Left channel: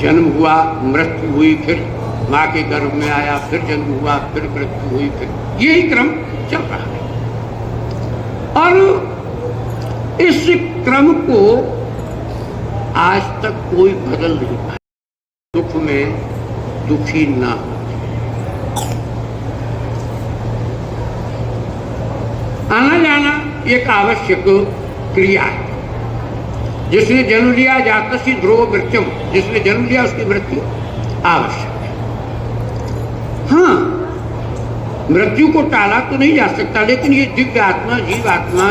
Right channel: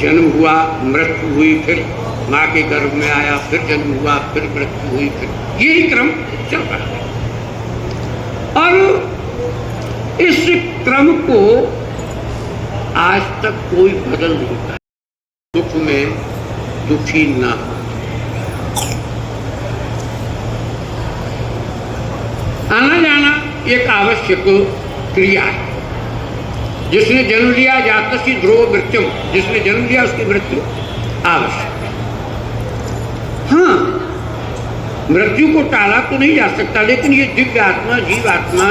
जन्म हुआ, मृत्यु हुई, फिर माँ के गर्भ में आया, फिर जन्म हुआ, फिर मृत्यु हुई, फिर यही क्रम चल रहा है। और इस क्रम को आज तक कोई बदल नहीं पाया। दुख में दुखी ना, आना जाना एक आवश्यक क्रिया है। जिसने जन्म लिया जातस्य ध्रुव मृत्यु, जिसने जन्म लिया उसकी मृत्यु आवश्यक है। हाँ, मृत्यु को टाला तो नहीं जा सकता, लेकिन ये दिव्य आत्मा, जीव आत्मा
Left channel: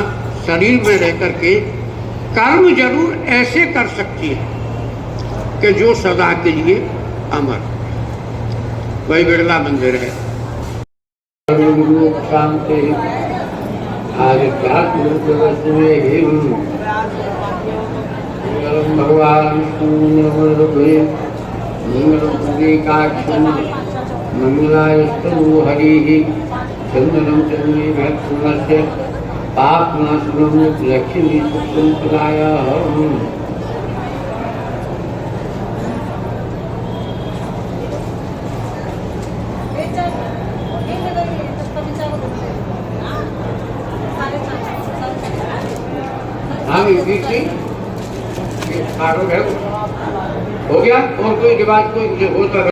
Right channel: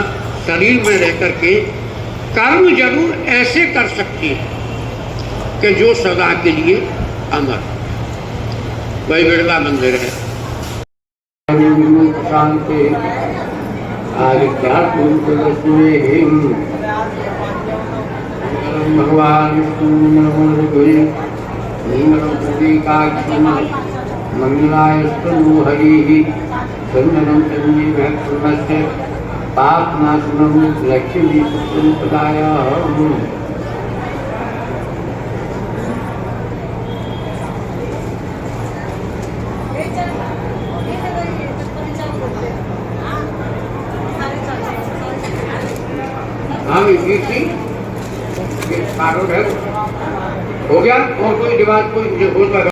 शरीर में रह करके कर्म जरूर ऐसे कर सकती है कि जो सदा के लिए अमर। वही बिरला मंदिर है। शांति भगवान मंगलायस्तु हरि चंदनम चंदी भक्तस्य पापनाशनम लक्ष्मी संपदाय। हो गया और कोई रिवाज कोई मुझे होता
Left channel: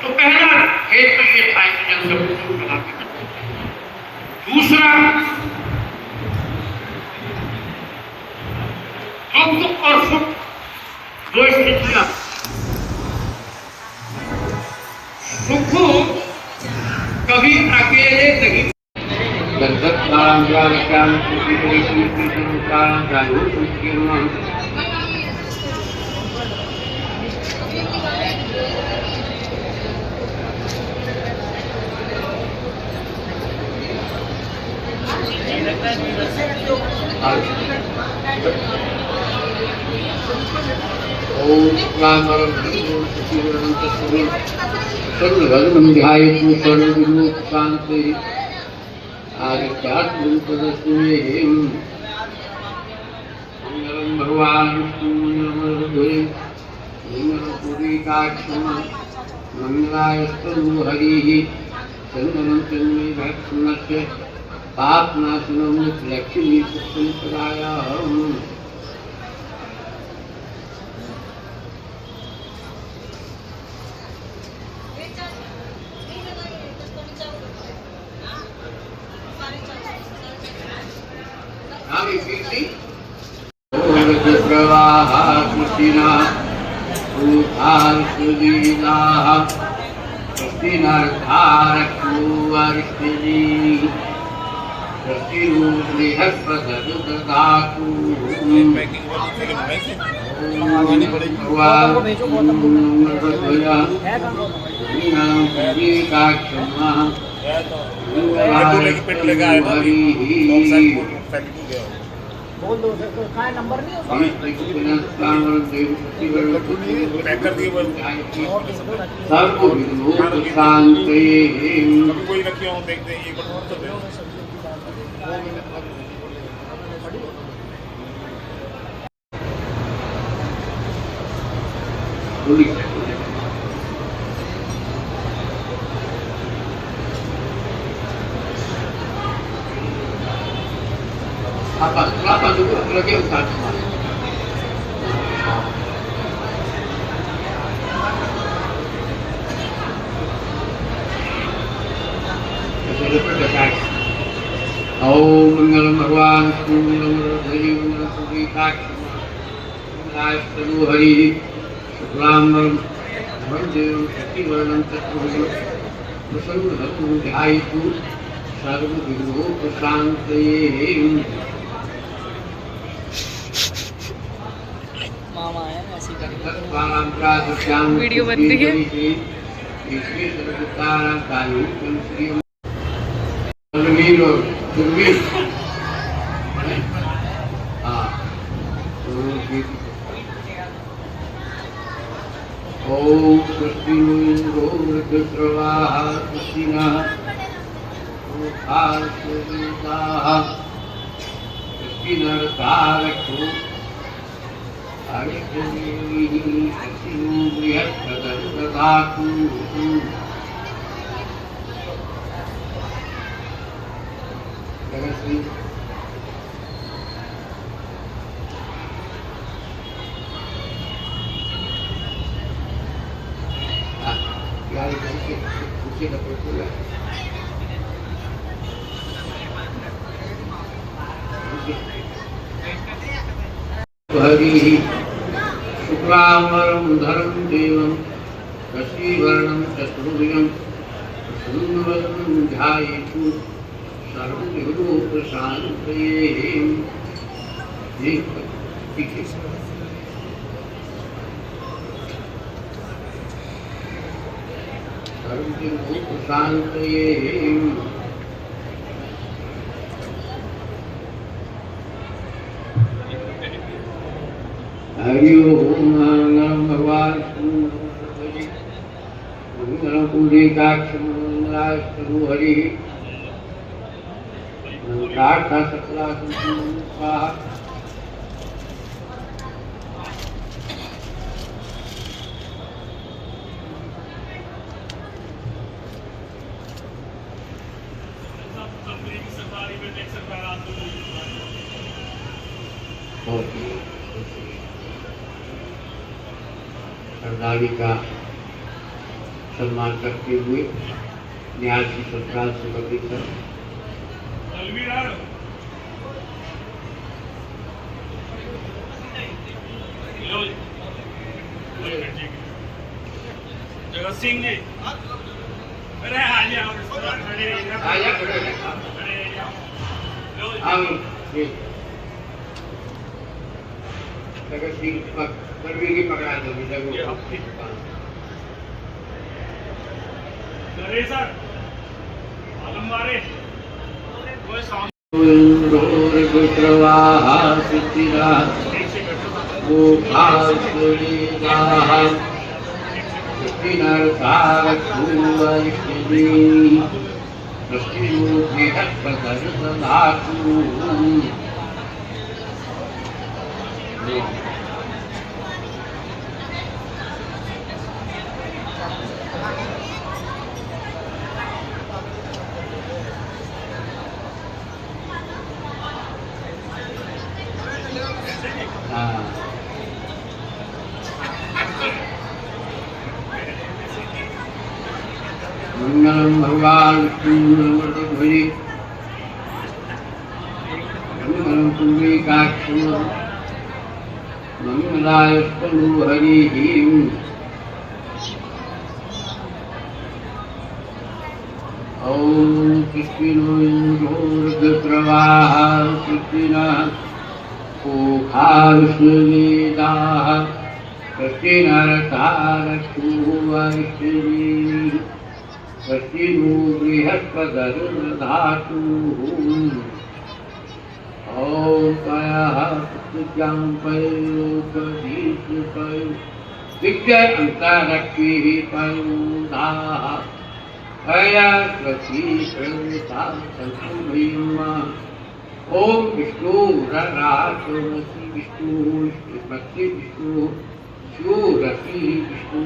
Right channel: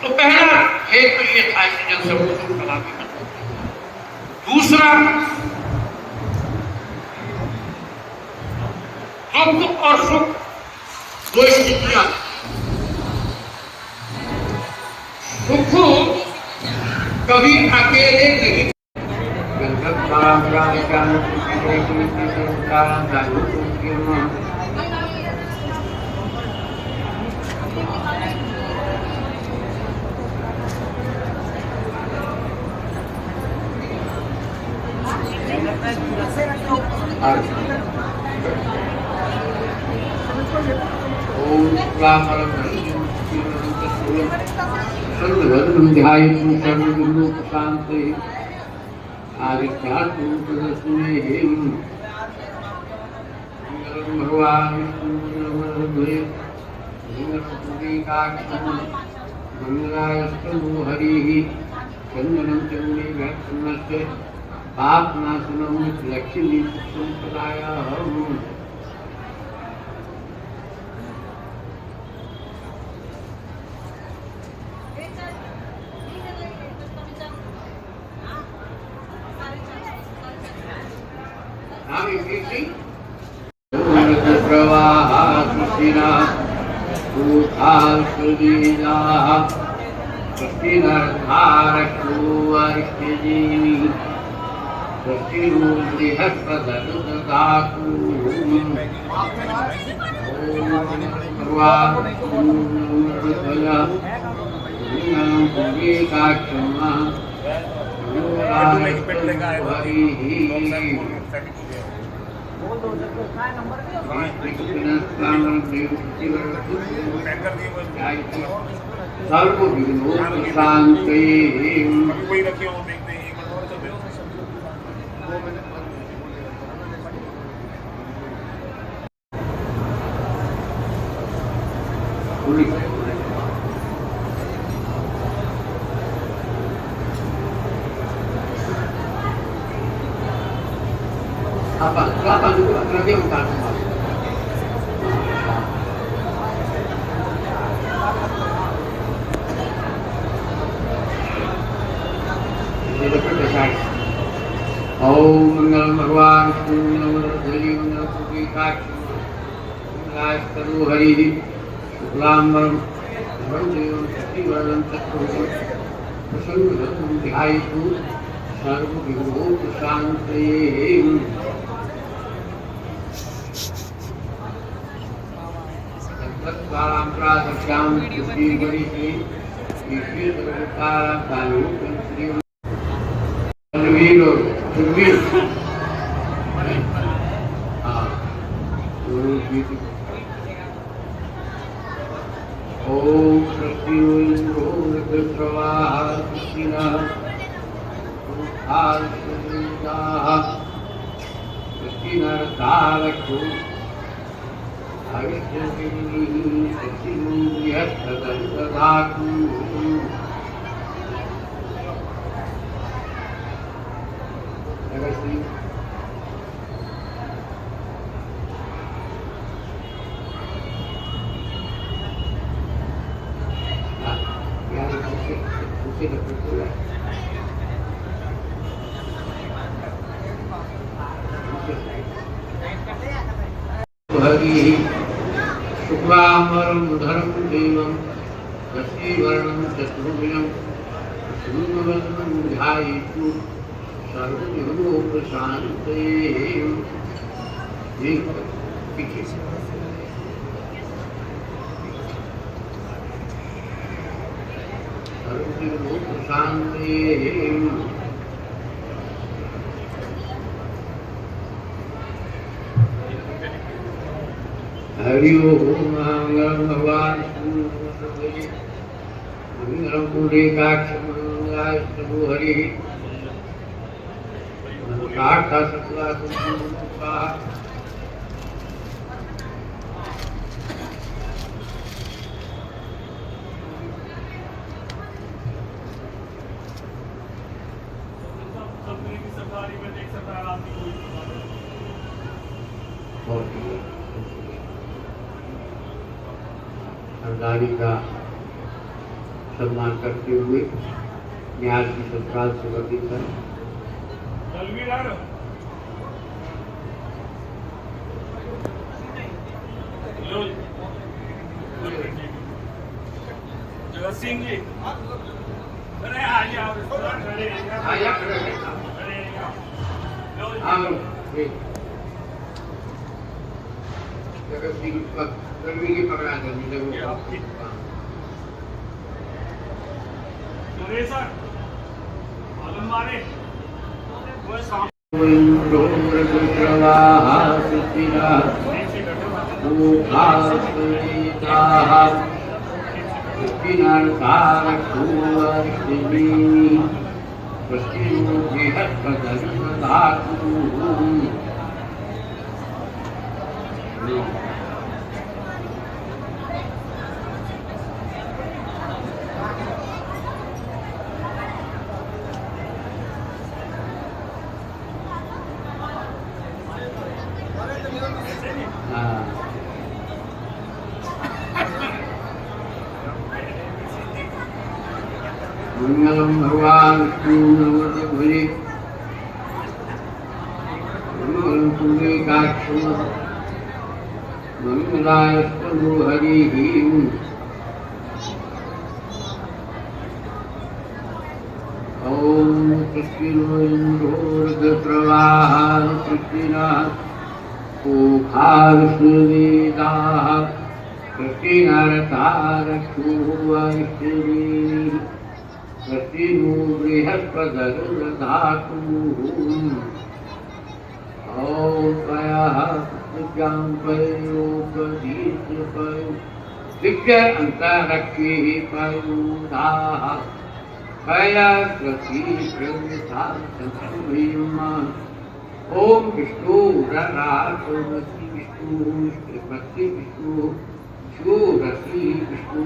तो पहला है तो ये था। दूसरा, दुख और सुख दो स्थितियां। सुख कभी अकेले नहीं, भगवान मंगलायस्तु हरि चंदनम चंदी भक्तस्य पापनाशनम Lakshmi संपदाय। Apa juga lagi utama. Hari शुक्लांबरम वंदेवं शशिवर्णं चतुर्भुजं प्रसन्नवदनं ध्यायतु सर्वविघ्नोपशान्तये। वीडियो बन रही है। ओम कृष्णोन्द्रोर्गस्रवाः कृष्णः कृष्णर्तारक्षो हरि शुक्लांबरं धरं देवं शशिवर्णं चतुर्भुजं प्रसन्नवदनं ध्यायेत् सर्वविघ्नोपशान्तये। सर्वविघ्नोपशान्तये। हरि ओम मंगलम भगवान मंगलम पुंडरीकाक्ष मंगलाय स्तु हरि मंगलार्थ सकला संपूर्णा। सरदारी का सम्मान करते हुए न्यास की सरकार से वर्णित कर जगत सिंह जी अरे जगत सिंह गर्मी की पकड़ा देंगे सर मालूम मारे मंगलम भगवान विष्णु मंगलम पुंडरीकाक्ष मंगलाय स्तु हरि ओम कृष्णोन्द्रोर्गस्रवाः कृष्णः ओखार्षवेदाः कृष्णर्तारक्षो कृष्णो बृहस्पतिर्दधातु। ओम पयः पुत्र्यां पयोपदीप्य दिव्य अंतरक्षी पयोदाः पया स्वती प्रवृत्ता संसंभयम्। ओम विष्णु ररासोमति विष्णु श्रीमती विष्णु शिवरति विष्णु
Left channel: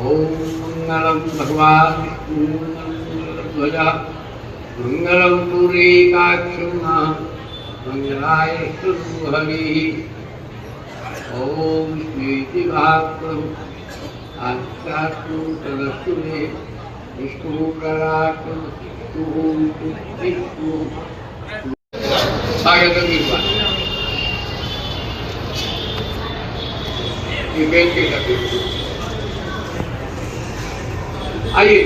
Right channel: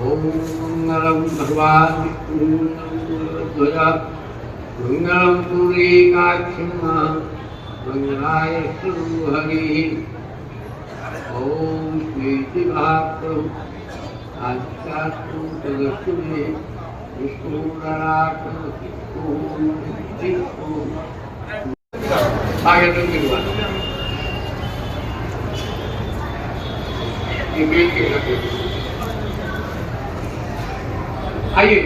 ओम मंगलम भगवान विष्णु मंगलम पुरीकाक्षम मंगलाय हरि ओम श्री भागवत आचार्य विष्णु आगे तो नहीं हुआ ये बेल के लगे आइए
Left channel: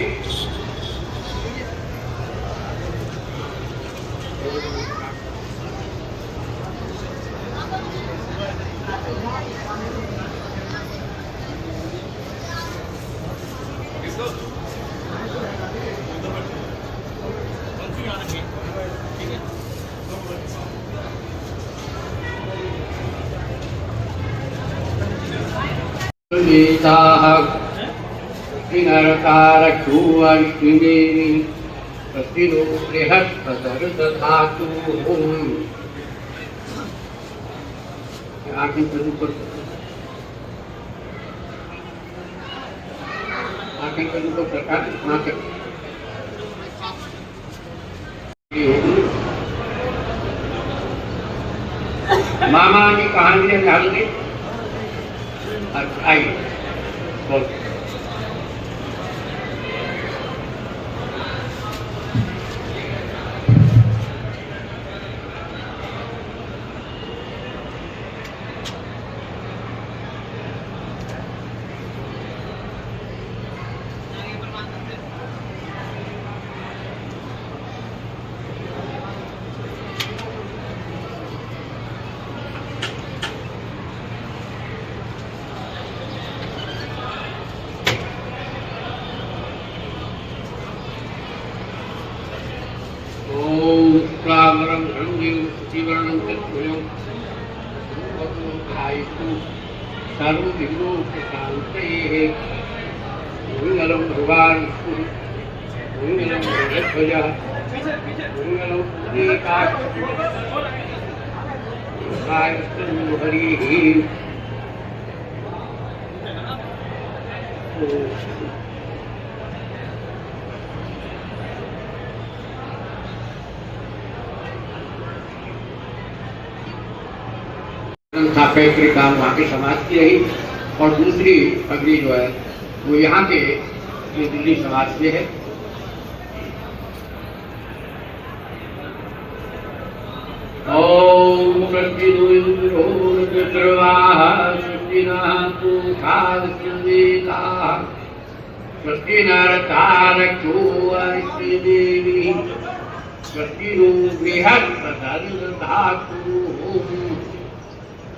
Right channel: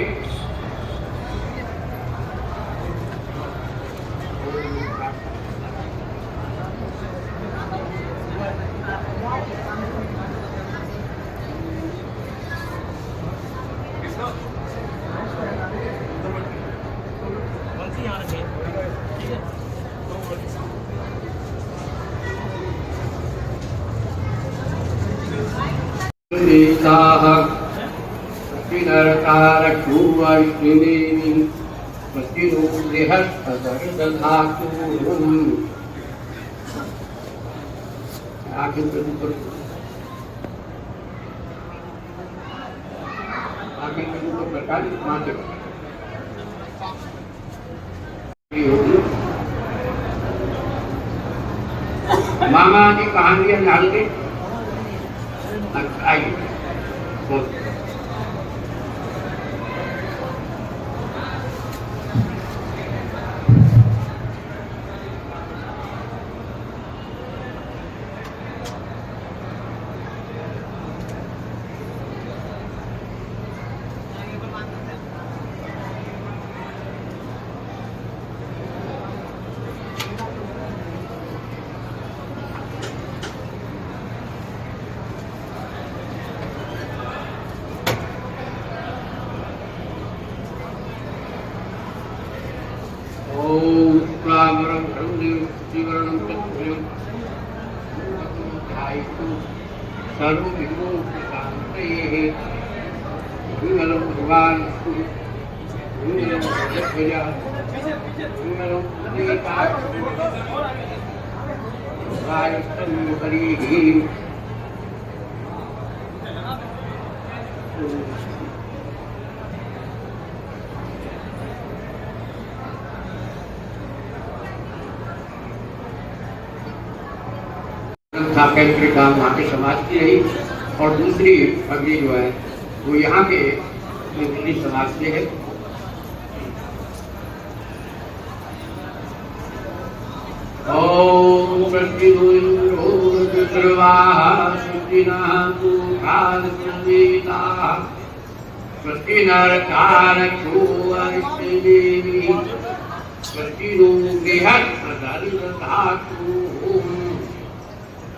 मामा की कहानी डाल दी। अच्छा आइए बोल मंगलम भगवान मंगलम हरि फैक्ट्री का वहाँ के समाज की रही और दूसरी अग्नि जो है वो यहाँ के दिल्ली समाज की है। ओम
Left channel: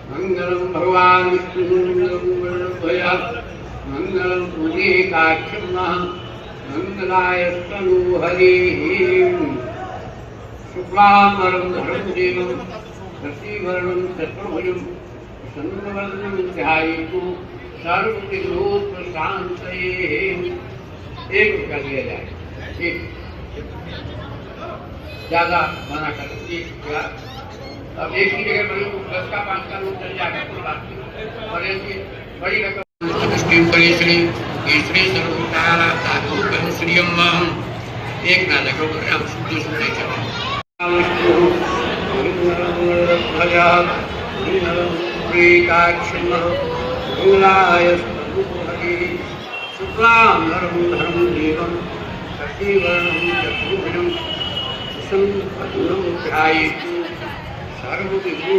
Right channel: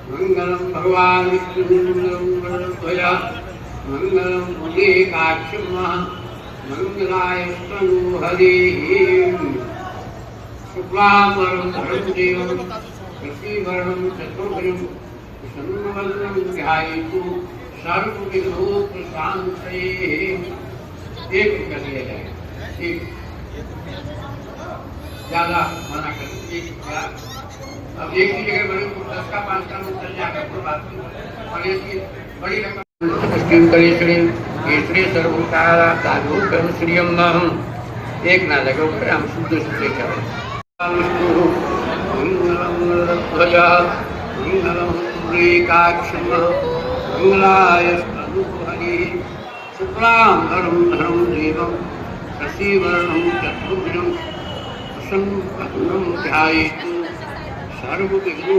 मंगलम भगवान विष्णु मंगलम पुरीकाक्षम मंगलाय हरि शुक्लांबरम धरम देवम शशिवर्णम चतुर्भुजं प्रसन्नवदनं ध्यायेत् सर्वविघ्नोपशान्तये। एक रुपया दिया जाए, एक ज्यादा मना कर अब एक ही जगह बड़ी 10 का 5 का चल जाएगा और एक बड़ी श्री सर्वतारा साधु कर्म श्री एक ना लगे हम शुद्ध शुद्ध करें।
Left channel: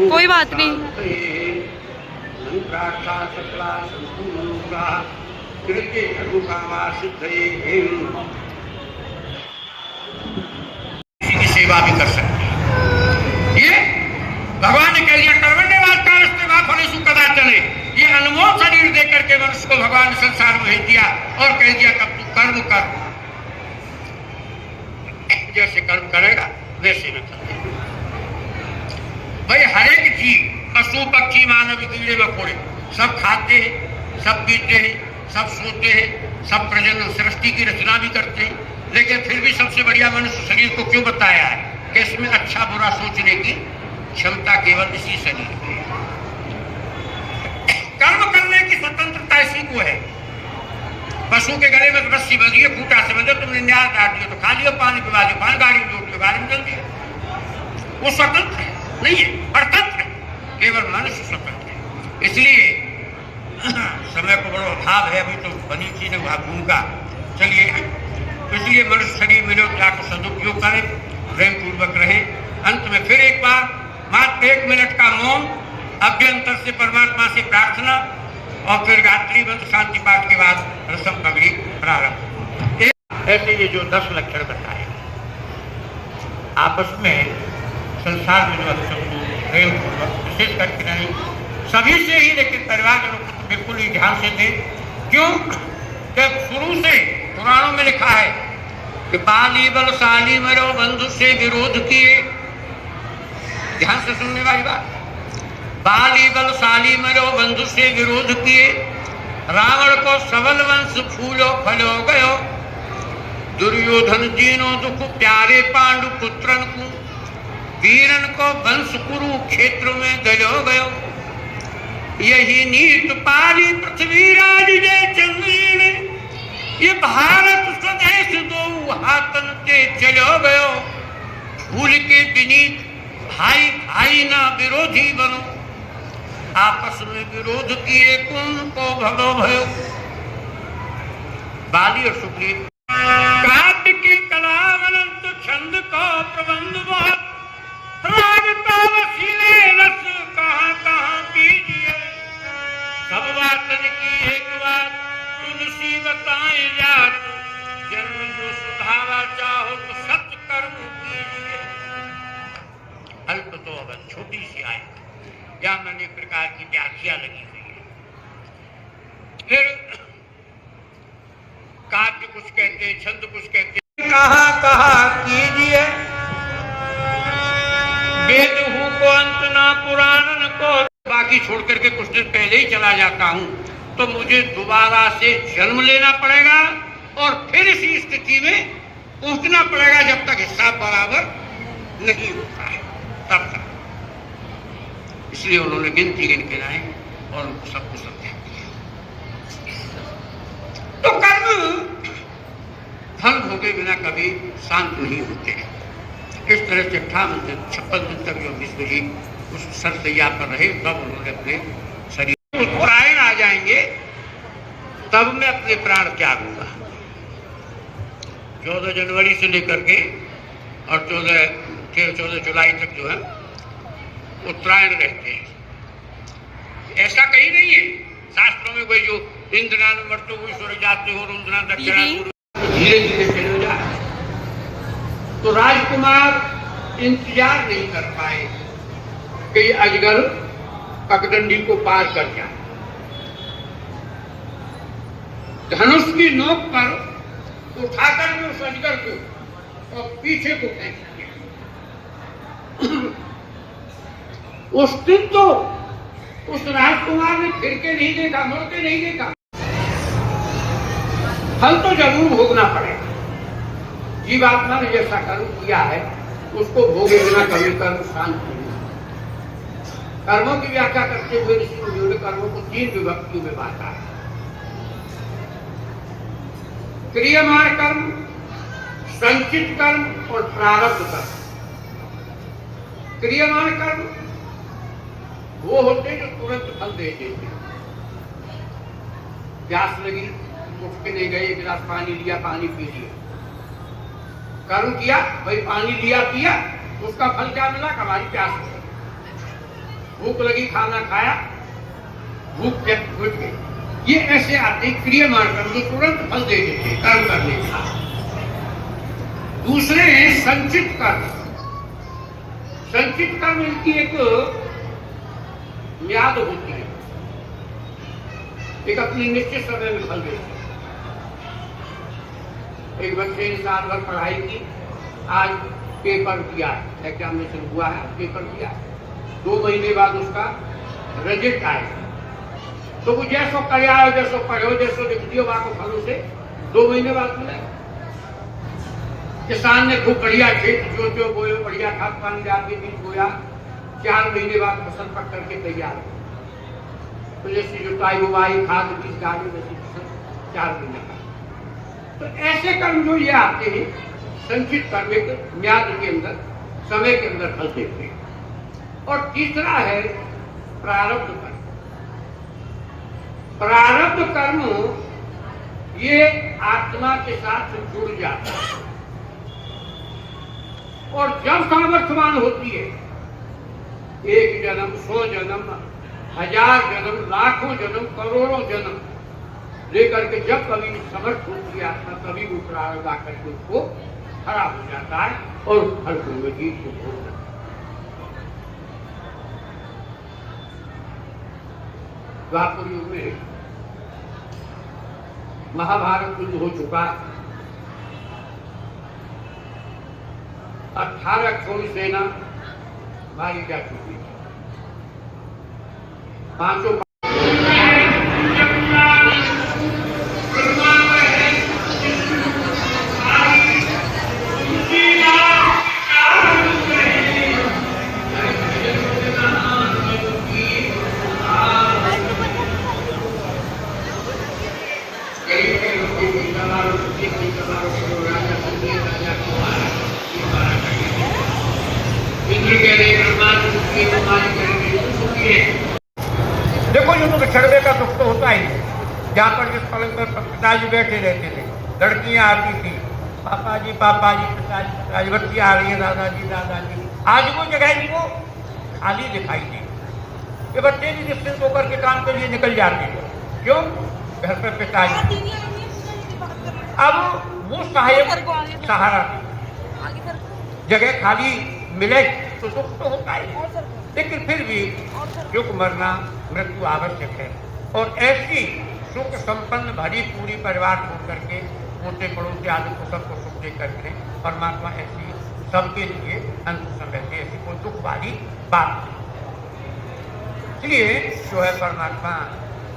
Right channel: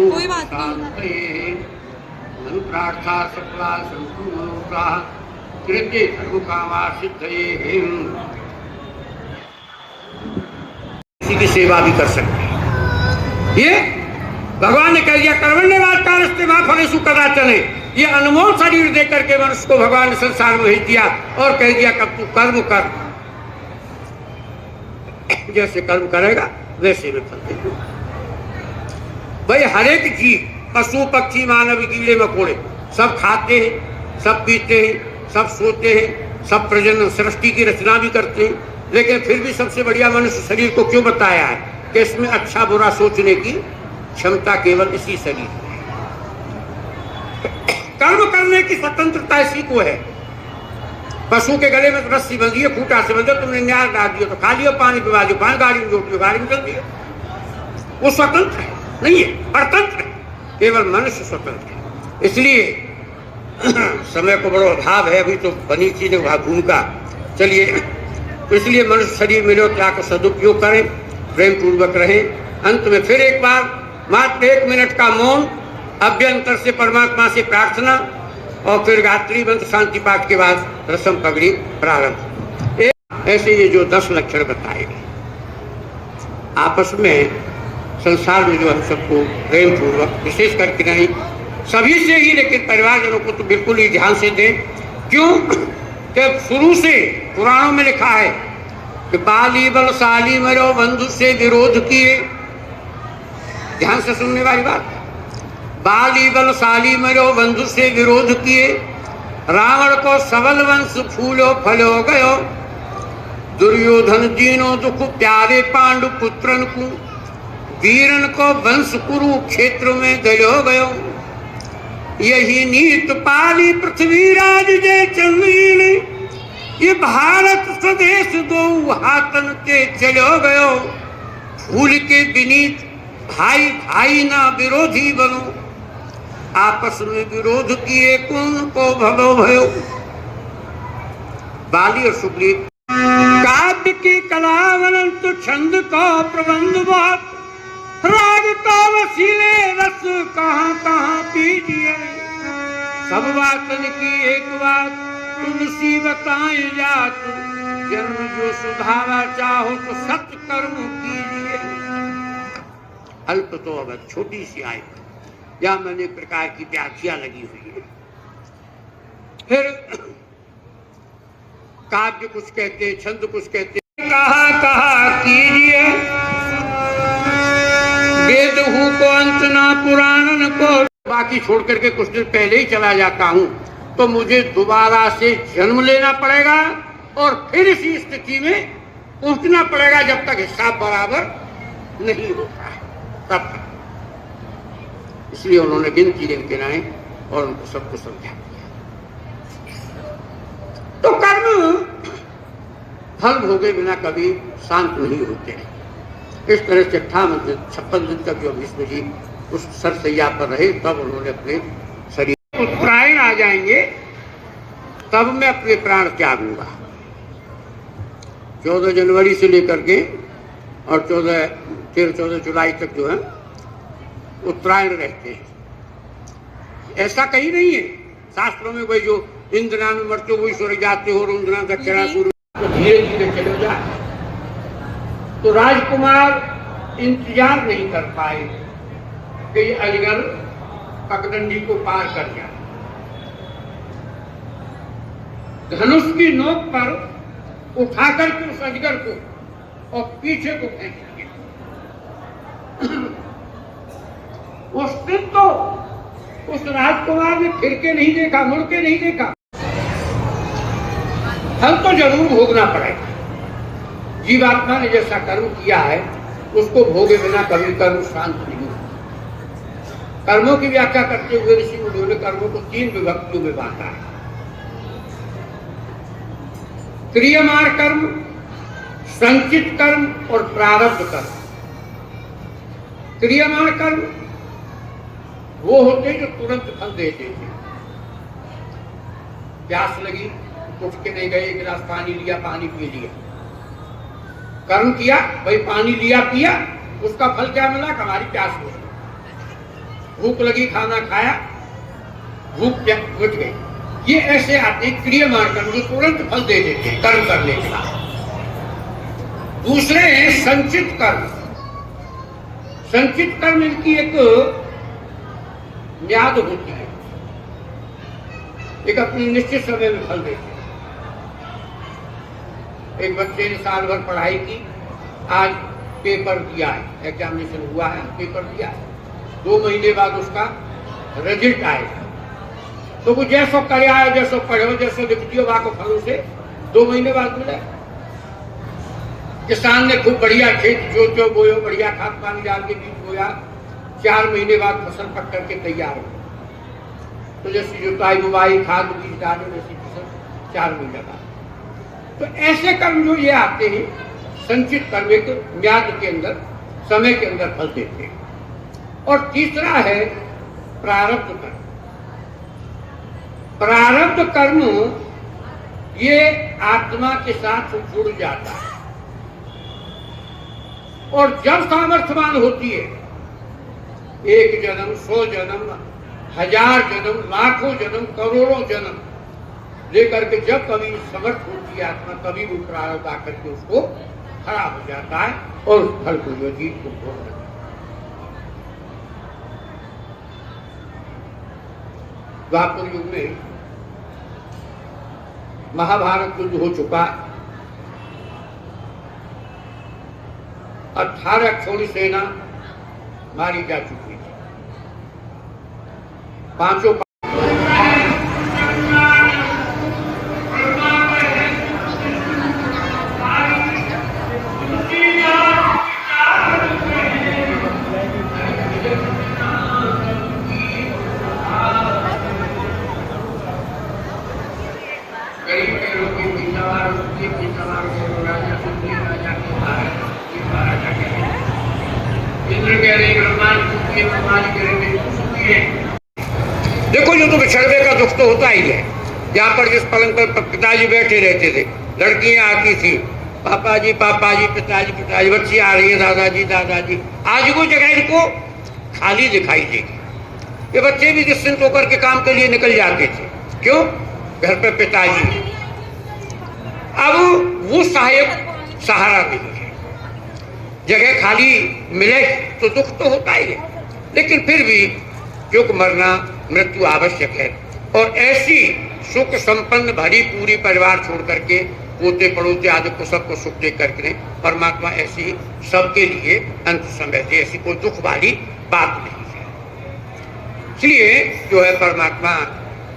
कोई बात नहीं। कृत्य दुखावा सिद्धये किसी की सेवा भी कर सकते हैं। ये भगवान ने कह दिया कर्मण्यवाद कालस्ते मा फलेषु कदाचन। ये अनमोल शरीर देकर के मनुष्य को भगवान ने संसार में भेज दिया और कह दिया कब तू कर्म कर, जैसे कर्म करेगा वैसे भी फल देगा। भाई हर एक जीव, पशु पक्षी मानव कीड़े मकोड़े सब खाते हैं, सब पीते हैं, सब सोते हैं, सब प्रजनन सृष्टि की रचना भी करते हैं, लेकिन फिर भी सबसे बढ़िया मनुष्य शरीर को क्यों बताया है कि इसमें अच्छा बुरा सोचने की क्षमता केवल इसी शरीर में है। कर्म करने की स्वतंत्रता इसी को है। पशु के गले में रस्सी बंधी है, खूंटा से बंधे, तुमने न्याय डाल दिया तो खा लिया, पानी पिवा दिया, पानी गाड़ी में जोड़ दिया, गाड़ी में चल दिया। वो स्वतंत्र है नहीं है, परतंत्र है। केवल मनुष्य स्वतंत्र है। इसलिए समय को बड़ा अभाव है, अभी तो बनी चीज भूमिका। चलिए, तो इसलिए मनुष्य शरीर मिले तो आकर सदुपयोग करें, प्रेम पूर्वक रहे। अंत में फिर एक बार मात्र 1 मिनट का मौन, अभ्यंतर से परमात्मा से प्रार्थना और फिर गायत्री मंत्र शांति पाठ के बाद रसम पगड़ी प्रारंभ। ऐसे ये जो 10 लक्षण बताए आपस में संसार में जो हम सबको प्रेम पूर्वक विशेष करके नहीं सभी से ही, लेकिन परिवारजनों को तो बिल्कुल ही ध्यान से दें। क्यों कि शुरू से पुराणों में लिखा है कि बाली बलशाली मरो बंधु से विरोध किए। ध्यान से सुनने वाली बात। बाली बलशाली मरो बंधु से विरोध किए, रावण को सबल वंश फूलो फलो गयो, दुर्योधन दीनो दुख प्यारे पांडु पुत्रन को, वीरन को वंश कुरु क्षेत्र में गयो गयो, यही नीत पाली पृथ्वीराज जय चंद्री ने, ये भारत स्वदेश दो हाथन के चलो गयो, भूल के विनीत भाई भाई ना विरोधी बनो, आपस में विरोध किए कौन को भलो भयो। बाली और सुग्रीव काव्य के कलावलन तो छंद को प्रबंध बहुत, राग का वसीले रस कहाँ कहाँ पीजिए, सब बातन की एक बात तुलसी बताए जात, जन्म जो सुधारा चाहो तो सत्य कर्म कीजिए। अल्प तो अगर छोटी सी आए या मैंने प्रकार की व्याख्या लगी हुई है। फिर काव्य कुछ कहते, छंद कुछ कहते, कहा कहा कीजिए, वेद हूं को अंत ना पुराण को, बाकी छोड़ करके कुछ दिन पहले ही चला जाता हूं तो मुझे दोबारा से जन्म लेना पड़ेगा और फिर इसी स्थिति में पहुंचना पड़ेगा जब तक हिसाब बराबर नहीं होता है तब तक। इसलिए उन्होंने गिनती गिन गिनाए और उनको सबको समझा दिया। तो कर्म फल भोगे बिना कभी शांत नहीं होते। इस तरह से 56 दिन तक जो भीष्म जी उस सरसैया पर रहे, तब उन्होंने अपने शरीर उत्तरायण आ जाएंगे तब मैं अपने प्राण त्यागूंगा। 14 जनवरी से लेकर के और 14 जुलाई तक जो है उत्तरायण रहते हैं। ऐसा कहीं नहीं है शास्त्रों में, कोई जो इंद्रा में मरते हो स्वर्ग जाते हो, रुद्रा दक्षिणा, धीरे धीरे चले जाए। तो राजकुमार इंतजार नहीं कर पाए कि ये अजगर पगडंडी को पार कर जाए। धनुष की नोक पर उठाकर के उस अजगर को और पीछे को फेंक दिया। उस दिन तो उस राजकुमार ने फिर के नहीं देखा, मुड़ के नहीं देखा। फल तो जरूर भोगना पड़ेगा। जीवात्मा ने जैसा कर्म किया है उसको भोगे बिना कभी कर्म शांत नहीं होता। कर्मों की व्याख्या करते हुए ऋषि मुनियों ने कर्मों को 3 विभक्तियों में बांटा है। क्रियमाण कर्म, संचित कर्म और प्रारब्ध कर्म। क्रियमाण कर्म वो होते जो तुरंत फल देते थे। प्यास लगी, उठ के नहीं गए, 1 गिलास पानी लिया, पानी पी लिया, कर्म किया, भाई पानी लिया पिया, उसका फल क्या मिला? हमारी प्यास हो गई। भूख लगी, खाना खाया, भूख मिट गई। ये ऐसे आते क्रियमान कर्म जो तुरंत फल दे देते हैं कर्म करने के बाद। दूसरे हैं संचित कर्म। संचित कर्म इनकी एक म्याद होती है, एक अपने निश्चित समय में फल देते हैं। एक बच्चे ने साल भर पढ़ाई की, आज पेपर दिया है, एग्जामिनेशन हुआ है, पेपर दिया, 2 महीने बाद उसका रिजल्ट आएगा। तो वो जैसो करे आए, जैसो पढ़ो, जैसो लिख दियो वहां को फलों से 2 महीने बाद मिले। किसान ने खूब बढ़िया खेत जोतो बोयो, बढ़िया खाद पानी डाल के बीज बोया, 4 महीने बाद फसल पक करके तैयार हो। तो जैसी जुताई बुवाई खाद बीज डाले वैसी फसल 4 महीने बाद। तो ऐसे कर्म जो ये आते हैं संचित कर्म, एक म्याद के अंदर समय के अंदर फल देते हैं। और तीसरा है प्रारब्ध कर्म। प्रारब्ध कर्म ये आत्मा के साथ जुड़ जाता है और जब सामर्थ्यवान होती है, 1 जन्म, 100 जन्म, 1000 जन्म, लाखों जन्म, करोड़ों जन्म लेकर के जब कभी समर्थ होती है आत्मा, तभी वो प्रारब्ध आकर के उसको खड़ा हो जाता है और उस फल को जीव को भोग देता है। द्वापर युग में महाभारत युद्ध हो चुका है, 18 खोड़ी सेना मारी जा चुकी है, 5 देखो युद्ध बिछड़ने का दुख तो होता ही है। यहाँ पर जिस पलंग पर पिताजी बैठे रहते थे, लड़कियां आती थी, पापा जी पिताजी पिताजी, बच्ची आ रही है दादाजी दादाजी। आज वो जगह इनको खाली दिखाई देगी। ये बच्चे भी निश्चिंत होकर के काम के लिए निकल जाते थे, क्यों? घर पे पिताजी। अब वो सहायक सहारा देगी, जगह खाली मिले तो दुख तो होता ही है, लेकिन फिर भी क्योंकि मरना मृत्यु आवश्यक है। और ऐसी सुख संपन्न भरी पूरी परिवार छोड़ करके पोते पड़ोते आदि को सबको सुख दे करके परमात्मा ऐसी सबके लिए अंत समय दे, ऐसी कोई दुख वाली बात नहीं है। इसलिए जो है परमात्मा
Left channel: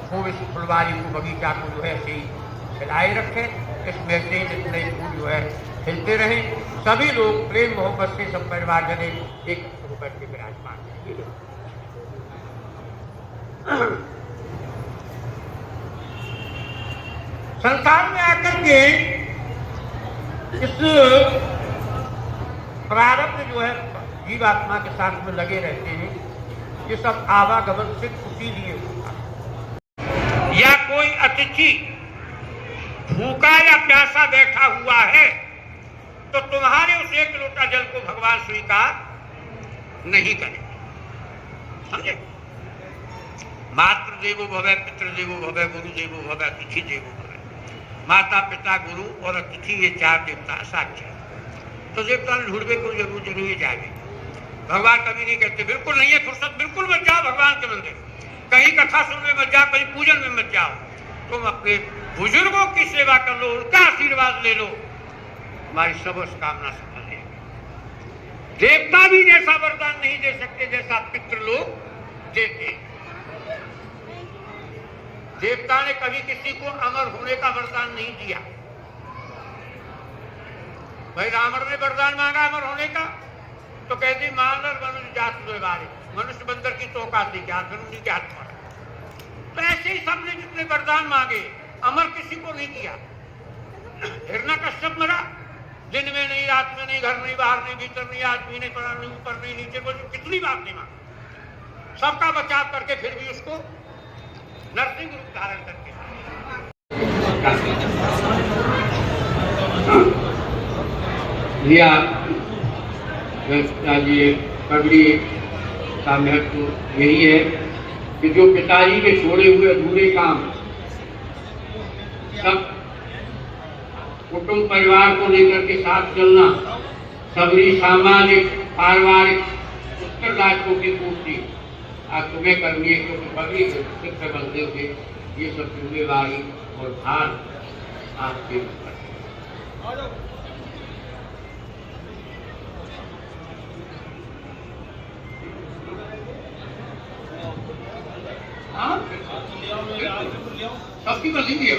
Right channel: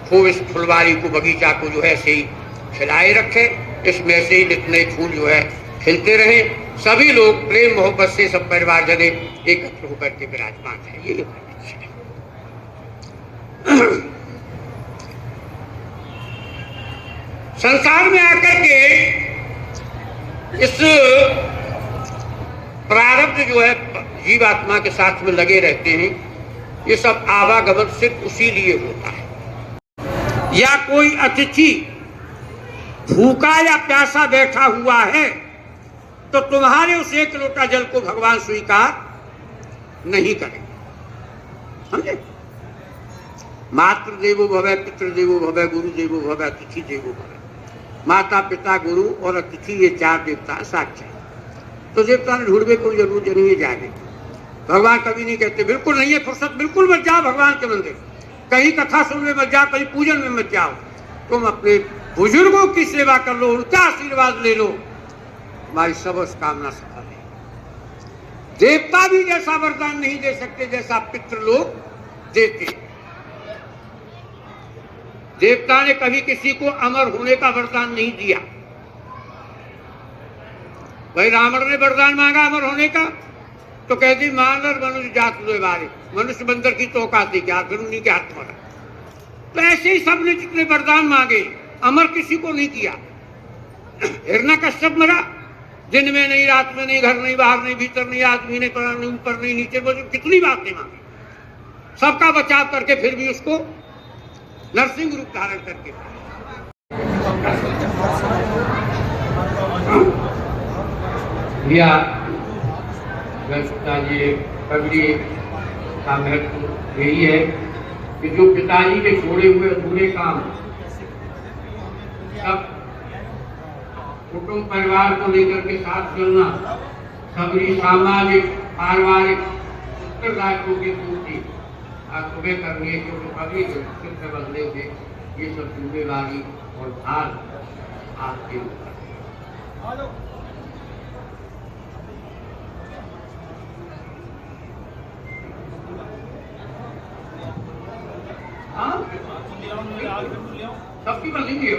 खूब इस फुलवारी को, बगीचा को जो है ऐसे ही खिलाए रखे, इसमें से ही नित नए फूल जो है खिलते रहे, सभी लोग प्रेम मोहब्बत से सब परिवार जने एकत्र होकर के विराजमान है। ये संसार में आकर के इस प्रारब्ध जो है जीवात्मा के साथ में लगे रहते हैं, ये सब आवागमन सिर्फ उसी लिए होता है। या कोई अतिथि भूखा या प्यासा बैठा हुआ है तो तुम्हारे उस 1 लोटा जल को भगवान स्वीकार नहीं करेंगे, समझे? मातृ देवो भव, पितृ देवो भव, गुरु देवो भव, अतिथि देवो भव। माता पिता गुरु और अतिथि ये 4 देवता साक्षात। तो देवता ने ढूंढने कोई जरूर नहीं जाए। भगवान कभी नहीं कहते बिल्कुल नहीं है फुर्सत, बिल्कुल मत जाओ भगवान के मंदिर, कहीं कथा सुनने मत जाओ, कहीं पूजन में मत जाओ, तुम अपने बुजुर्गों की सेवा कर लो, उनका आशीर्वाद ले लो, हमारी सब कामना सफल है। देवता भी जैसा वरदान नहीं दे सकते जैसा पितृ लोग देते। देवता ने कभी किसी को अमर होने का वरदान नहीं दिया। भाई रावण ने वरदान मांगा अमर होने का, तो कहती मानर मनुष्य जात हुए बारे, मनुष्य बंदर की तो औकाती क्या, फिर उन्हीं के हाथ मारा। तो ऐसे ही सबने जितने वरदान मांगे अमर किसी को नहीं किया। हिरण्यकश्यप मरा, दिन में नहीं, रात में नहीं, घर नहीं, बाहर नहीं, भीतर नहीं, आदमी नहीं, पड़ा नहीं, ऊपर नहीं, नीचे, कितनी बातें मांगी, सबका बचाव करके फिर भी उसको नरसिंह रूप धारण करके दिया। पिताजी पगड़ी का महत्व यही है कि जो पिताजी के छोड़े हुए अधूरे काम सब कुटुंब परिवार को लेकर के साथ चलना, सभी सामाजिक पारिवारिक उत्तरदायित्वों की पूर्ति आज तुम्हें करनी है, क्योंकि पब्लिक चित्र बनते हुए ये सब जिम्मेवारी और भार आपके ऊपर है। हाँ, सबकी मर्जी है।